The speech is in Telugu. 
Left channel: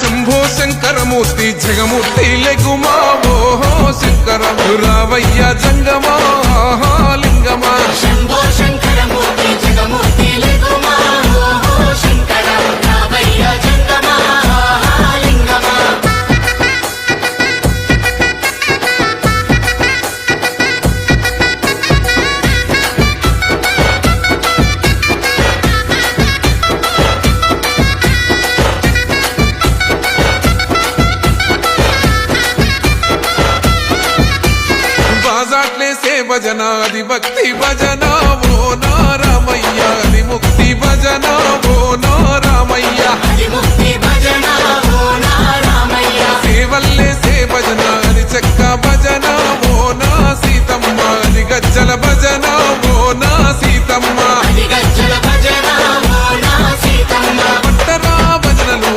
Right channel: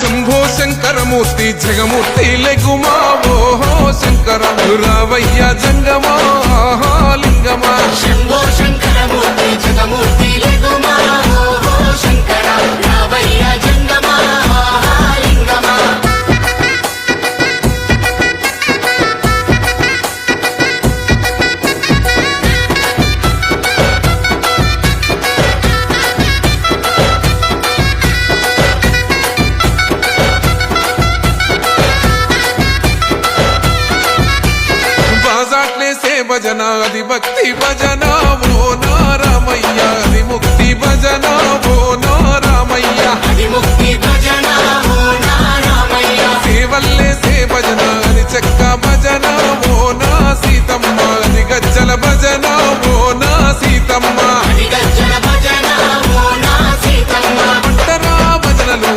శంభో శంకరమూర్తి జగమూర్తి లెగుమా ఓహో శంకర రావయ్య జంగమా లింగమా శంభో శంకరమూర్తి జగమూర్తి లెగుమా ఓహో శంకర రావయ్య జంగమా లింగమా. బాజాట్లేసే భజన అది భక్తి భజన ఓ నారామయ్య అది ముక్తి భజన ఓ నారామయ్య ముక్తి భజన ఓ నారామయ్య సేవల్లేసే భజన అది చెక్క భజన ఓ నా సీతమ్మ అది గజ్జల భజన ఓ నా సీతమ్మ గజ్జల భజన ఓ నా సీతమ్మ. పట్టరా భజనలు